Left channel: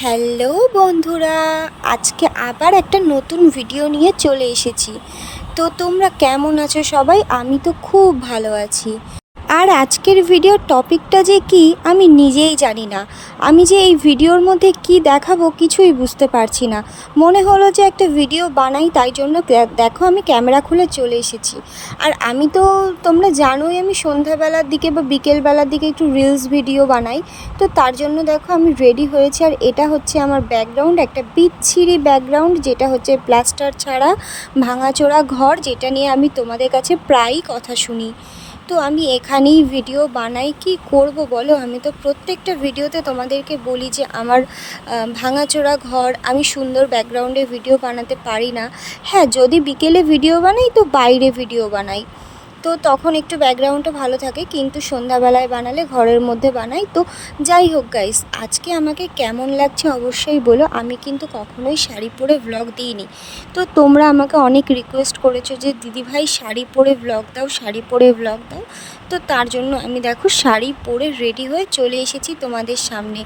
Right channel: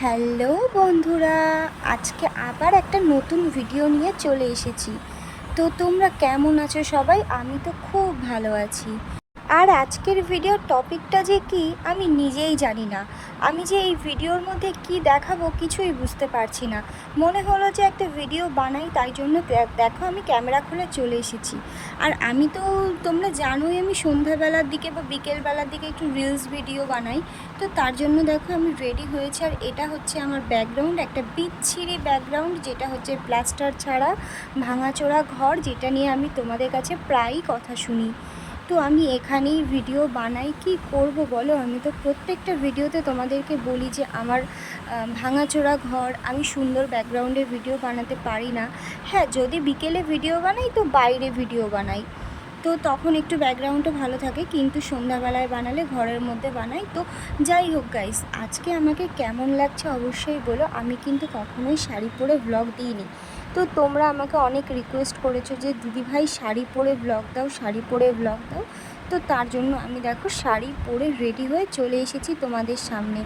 Hello বন্ধুরা, আজকে আবার একটা নতুন ভিডিও নিয়ে চলে এসেছি। তো তোমরা কেমন আছো সবাই? আমি তো খুব ভালো আছি। আর আজকের ভিডিওর টপিকটা যে কি, আমি নিজেই জানি না। আমি যে এই ভিডিওর মধ্যে কি দেখাবো কিছুই বুঝতে পারছি না। মনে হলো যে একটা ভিডিও বানাই, তাই জন্য দেখো আমি ক্যামেরা খুলে চলে এসেছি। আর আমি তো, তোমরা জানোই আমি সন্ধ্যাবেলার দিকে বা বিকেলবেলার দিকে একটু রিলস ভিডিও বানাই। তো তার জন্য দেখো আমি রেডি হয়েছি, আর এটা হচ্ছে আমার ব্যাকগ্রাউন্ড একটা বিচ্ছিরি ব্যাকগ্রাউন্ড যেটা হচ্ছে প্লাস্টার ছাড়া ভাঙাচোরা ঘর, যেটা নিয়ে আমি তোমাদের কাছে প্রায়ই কথা শুনি। তো আমি এখানেই ভিডিও বানাই, কি করব বলো? আমি তো প্রত্যেকটা ভিডিওতে তোমাদেরকে বলি যে আমার ভাঙাচোরা ঘর, আমি সুন্দর ব্যাকগ্রাউন্ডে ভিডিও বানাতে পারি না। হ্যাঁ যদি বিকেলে ভিডিও বানাই তো বাইরে ভিডিও বানাই। তো তখন একটু ব্যাকগ্রাউন্ডটা ভালো থাকে, কিন্তু সন্ধ্যাবেলায় বানালে ঘরের মধ্যে বানাই। তো যাই হোক গাইস আজকে আমাকে কেমন লাগছে অবশ্যই বলো। আমি কিন্তু কখনোই শাড়ি পরে ব্লগ দিইনি। তো তোমরা আমাকে অনেক রিকোয়েস্ট করেছ যে, দিদিভাই, শাড়ি পরে ব্লগ দাও, শাড়ি পরে ব্লগ দাও। তো তার জন্য আমি দেখো শাড়ি পরে রেডি হয়ে চলে এসেছি তোমাদের সামনে।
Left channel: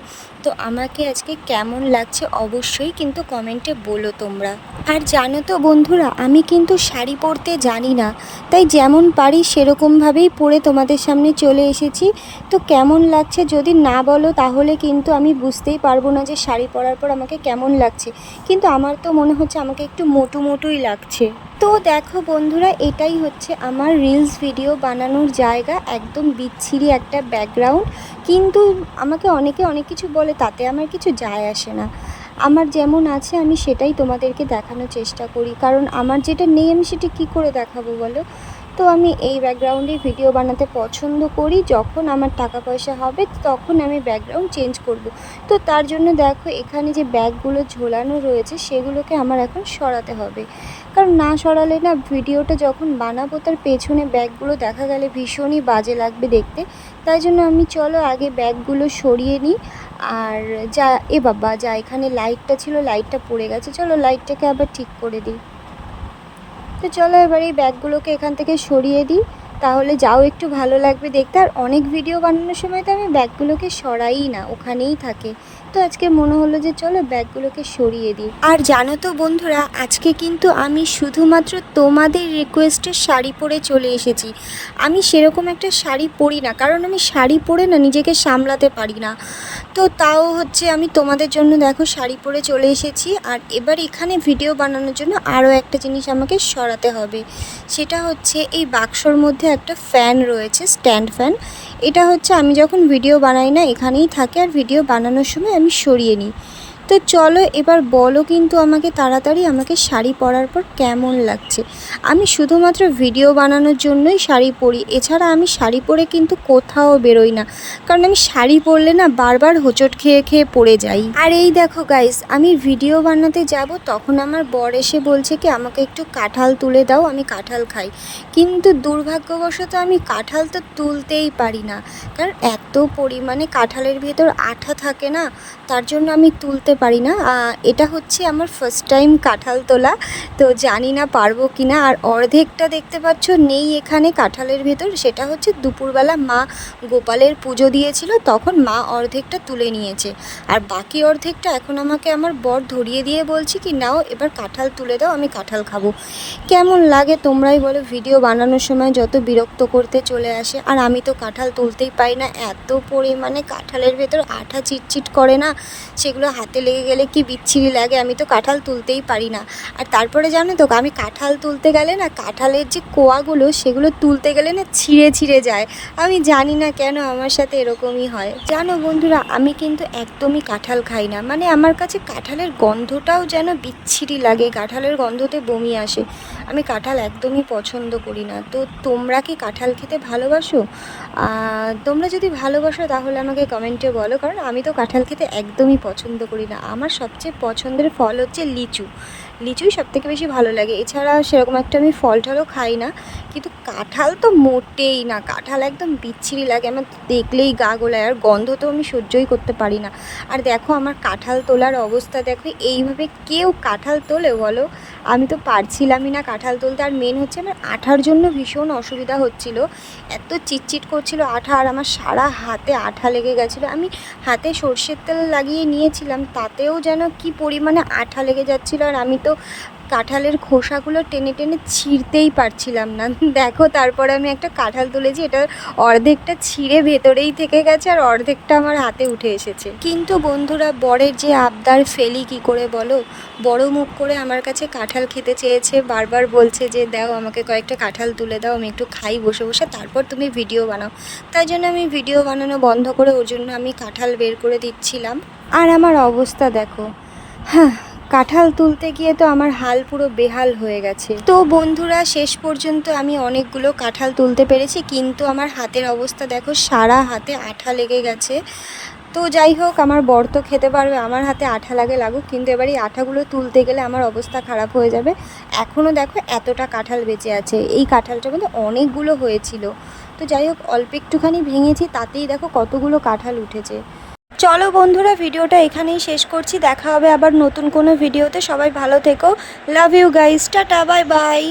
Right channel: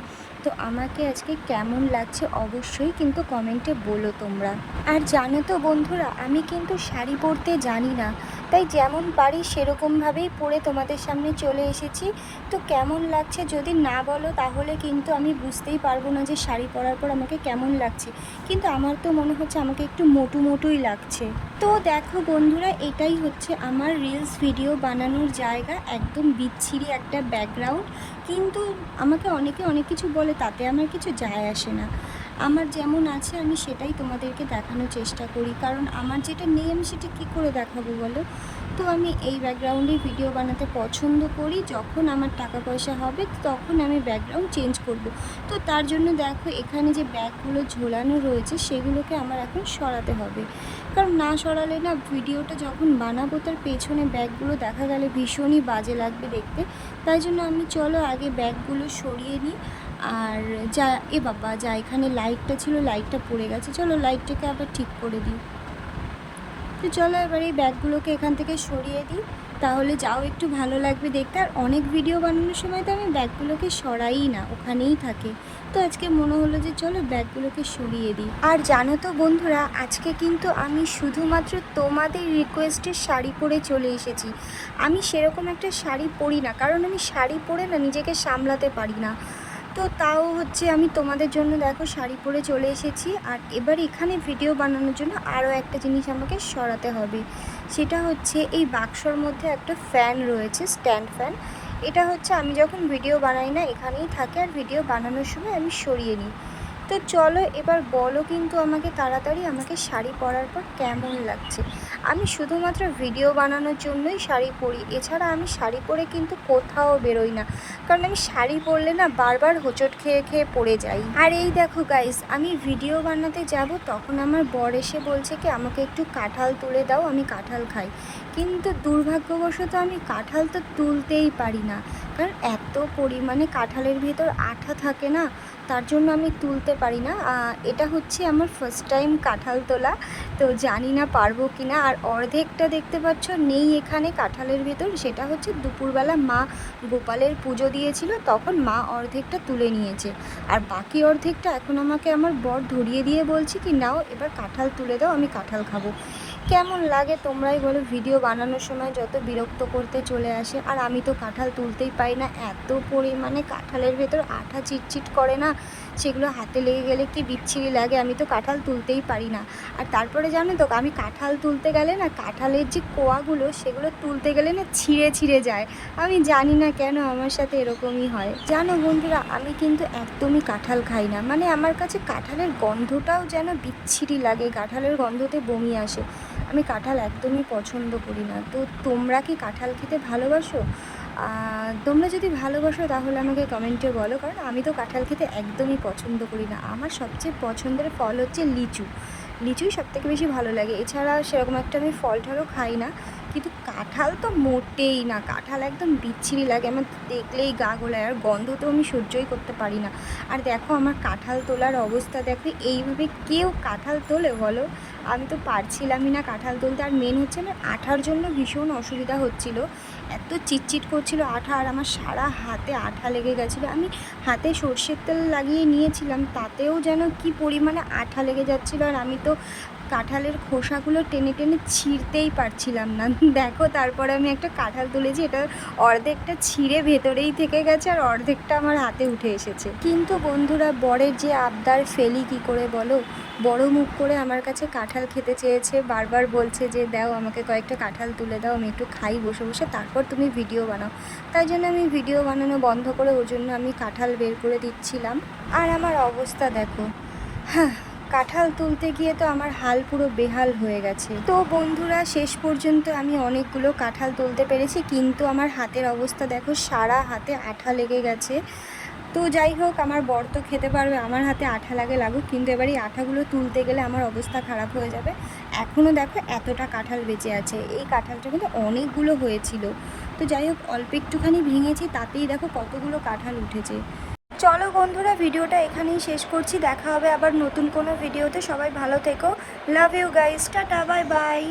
তো আমাকে আজকে কেমন লাগছে অবশ্যই কিন্তু কমেন্টে বলো তোমরা। আর জানো তো বন্ধুরা, আমি কিন্তু শাড়ি পরতে জানি না, তাই যেমন পারি সেরকমভাবেই পরে তোমাদের সামনে চলে এসেছি। তো কেমন লাগছে যদি না বলো তাহলে কিন্তু আমি বুঝতেই পারব না যে শাড়ি পরার পর আমাকে কেমন লাগছে। কিন্তু আমার তো মনে হচ্ছে আমাকে একটু মোটু মোটুই লাগছে। তো দেখো বন্ধুরা, এটাই হচ্ছে আমার রিলস ভিডিও বানানোর জায়গা, একদম বিচ্ছিরি একটা ব্যাকগ্রাউন্ড কিন্তু আমাকে অনেকে অনেক কিছু বলে, তাতে আমার কিছু যায় আসে না। আমার যেমন আছে, আমি সেটাই তোমাদেরকে দেখানোর চেষ্টা করি। কারণ আমার যেটা নেই, আমি সেটা কী করে দেখাবো বলো? তো আমি এই ব্যাকগ্রাউন্ডে ভিডিও বানাতে পছন্দ করি। যখন আমার টাকা পয়সা হবে, তখন আমি ব্যাকগ্রাউন্ড চেঞ্জ করব। তো তার জন্য দেখো, এখানে যে ব্যাগগুলো ঝোলানো রয়েছে, সেগুলোকে আমার এখন সরাতে হবে। কারণ না সরালে না ভিডিওটা যখন বানাবো, তার পেছনে ব্যাগগুলো দেখা গেলে ভীষণই বাজে লাগবে দেখতে। তাই জন্য আমি চলো আগে ব্যাগগুলো সরিয়ে নিই। আর যা, এ বাবা, যা এখানে লাইটটা ছিল লাইটটা পড়ে গেছে। চলো লাইটটাকে আবার ঠিক করে দিই। তো চলো এবার এই ব্যাগগুলোকে এখান থেকে সরিয়ে দিই। তাহলে যাও একটু ভালো লাগবে দেখতে। আর অনেক ভিডিও বানানোর সময় তো আমি ব্যাগগুলোকে সরাই না, ওখানেই থাকে। তো আজকে মনে হলো যে চলো ব্যাগগুলোকে সরিয়ে দিই। আর জানো তো বন্ধুরা, আজকে কিন্তু আমি শুধুমাত্র তোমাদের রিকোয়েস্টের শাড়ি পরে চলে এসেছি। আমি সেরকম একটা শাড়ি পরি না, কারণ আমি শাড়ি পরে না নিজেকে সামলাতে পারি না। তো তাও হচ্ছে আমি তোমাদের জন্য দেখো শাড়ি পরে চলে এসেছি। আর এবার এখানে ভিডিও বানানোর জন্য আরও একটা জিনিস আমাকে সরাতে হবে। সেটা হচ্ছে এই বাক্সর মধ্যে একটা ফ্যান রয়েছে স্ট্যান্ড ফ্যান এটা হচ্ছে আমি যখন ভিডিও বানাই না, এখানেই থাকে। আর ভিডিও বানানোর সময় আমি সরিয়ে নিই। তো চলো এবার বলো কিন্তু আমাকে তাড়াতাড়ি আমাকে শাড়ি পরার পর কেমন লাগছে। আমি শুধুমাত্র ভিডিও বানানোর জন্যই শাড়ি পরি, এছাড়া আমি শাড়ি পরে কিন্তু কোথাও বেরোই না। কারণ আমি শাড়ি পরলে না বারবার হোঁচট খেয়ে খেয়ে পড়ে যাই। আর এই দেখো গাইস আমি ভিডিও বানাতে যাব তখন আমার বর এসে বলছে কি, আমাকে একটু কাঁঠাল তুলে দাও, আমি কাঁঠাল খাই। কিন্তু দুর্ভাগ্যবশত আমি কাঁঠাল তো তুলতেই পারি না। কারণ এত পরিমাণে কাঁঠালের ভেতর আঠা থাকে না, তার জন্য আমি তুলতে পারি না। এটা হচ্ছে আমার ফার্স্ট টাইম কাঁঠাল তোলা। তো জানি না পারব কি না আর অর্ধেকটা দেখতে পাচ্ছ নেই এখানে কাঁঠালের ভেতর। সেটা হচ্ছে দুপুরবেলা মা গোপালের পুজো দিয়েছিল। তখন মা অর্ধেকটা তুলে নিয়েছে। আর বাকি অর্ধেকটা এখন আমাকে আমার বর ধরিয়ে দিয়ে বলছে কি, নাও, এবার কাঁঠাল তুলে দাও, আমি কাঁঠাল খাব। কেমন লাগে তোমরাই বলো। ভিডিও বানানোর সময় যত বিরক্ত করতে চলে আসে, আর আমি তো কাঁঠাল তুলতেই পাই না। এত পরিমাণে কাঁঠালের ভেতর আঠা চিটচিট করে না, সেগুলো হাতে লেগে গেলে কি বিচ্ছিরি লাগে? আমি তো কাঁঠাল তুলতেই পারি না। আর তারপরে জানো তো, আমি কাঁঠাল তুলতে গেলে না, কাঁঠালের যে কোয়াগুলো, সেগুলো তুলতে গেলে না ছিঁড়ে ছিঁড়ে যায়। আমি জানি না কেন আমার সাথে এরকমই হয়। জানো বন্ধুরা, আমি কিন্তু একদমই কাঁঠাল খাই না। মানে আমার কাছে কাঁঠালের গন্ধটাও যেন বিচ্ছিরি লাগে, কাঁঠালের গন্ধতে বমি আসে। আমি কাঁঠাল একদমই পছন্দ করি না। তো তোমরা কি কাঁঠাল খেতে ভালোবাসো? তোমরা যদি ভালোবাসো তাহলে আমাকে কমেন্টে বলো, কারণ আমি তো কাঁঠাল খেতে একদমই পছন্দ করি না। আমার সবচেয়ে পছন্দের ফল হচ্ছে লিচু। লিচুই সব থেকে বেশি ভালো লাগে। এছাড়া সেরকম একটা আমি ফল টলও খাই না। কিন্তু কাঁঠাল তো মোটেই না। কাঁঠাল একদম বিচ্ছিরি লাগে। আমার দেখলেই গা গোলায়। আর গন্ধ তো আমি সহ্যই করতে পারি না। আর দেখো আমার কাঁঠাল তোলার অবস্থা। দেখো এইভাবে কেউ কাঁঠাল তোলে বলো? আমি তো পারছিলামই না কাঁঠাল তুলতে। আর মেন হচ্ছে আমার আঠার জন্য ভীষণ অসুবিধা হচ্ছিল। এত চিটচিট করছিল আঠা। আর আমার সারা হাতে আঠা লেগে গেছিল। আমি হাতে সর্ষের তেল লাগিয়ে নিয়েছিলাম। তাতেও যেন কি পরিমাণে আঠা লেগে যাচ্ছিল। আর আমি তো কাঁঠালের খোসাগুলো টেনে টেনে ছিঁড়তেই পারছিলাম না। দেখো তারপরে আমি একটা কাঁঠাল তুলেছি, এটা অর্ধেকটা ছিঁড়ে ভেতরেই থেকে গেছে আর অর্ধেকটা আমার হাতে উঠে এসেছে। কিন্তু বন্ধুরা, বরের যে আবদার ফেলি কি করে বলো? বড় মুখ করে আমার কাছে কাঁঠাল খেতে চেয়েছে, বারবার বলছে যে, দাও আমাকে কয়েকটা কাঁঠাল তুলে দাও, আমি একটু খাই বসে বসে, তারপর তুমি ভিডিও বানাও। তাই জন্য আমি ভিডিও বানানো বন্ধ করে ওর জন্য আমি কাঁঠাল বের করে দিচ্ছিলাম। আর আমার অবস্থা দেখো হ্যাঁ কাঁঠাল তুলতে গিয়ে তো আমার হাল পুরো বেহাল হয়ে গেছে। তো বন্ধুরা, শেষ পর্যন্ত আমি অনেকগুলো কাঁঠাল তুলতে পেরেছি, কিন্তু আমার হাতের অবস্থা দেখো, সারা হাতে আঠা লেগে গেছে। তো যাই হোক, আমার বর তো খেতে পারবে, আমার হাতে আঠা লাগে লাগুক, কিন্তু এবার এই আঠাগুলো তুলতে গেলে আমার অবস্থা খারাপ হয়ে যাবে। এখনও দেখো এতটা কাঁঠাল বেঁচে আছে, এই কাঁঠালটা কিন্তু অনেকগুলো হয়েছিল। তো যাই হোক, অল্প একটুখানি ভেঙেছি, তাতেই দেখো কতগুলো কাঁঠাল উঠেছে। চলো বন্ধুরা, ভিডিওটা এখানেই শেষ করছি। দেখা হবে আবার নতুন কোনো ভিডিওতে। সবাই ভালো থেকো। Love you guys tata bye bye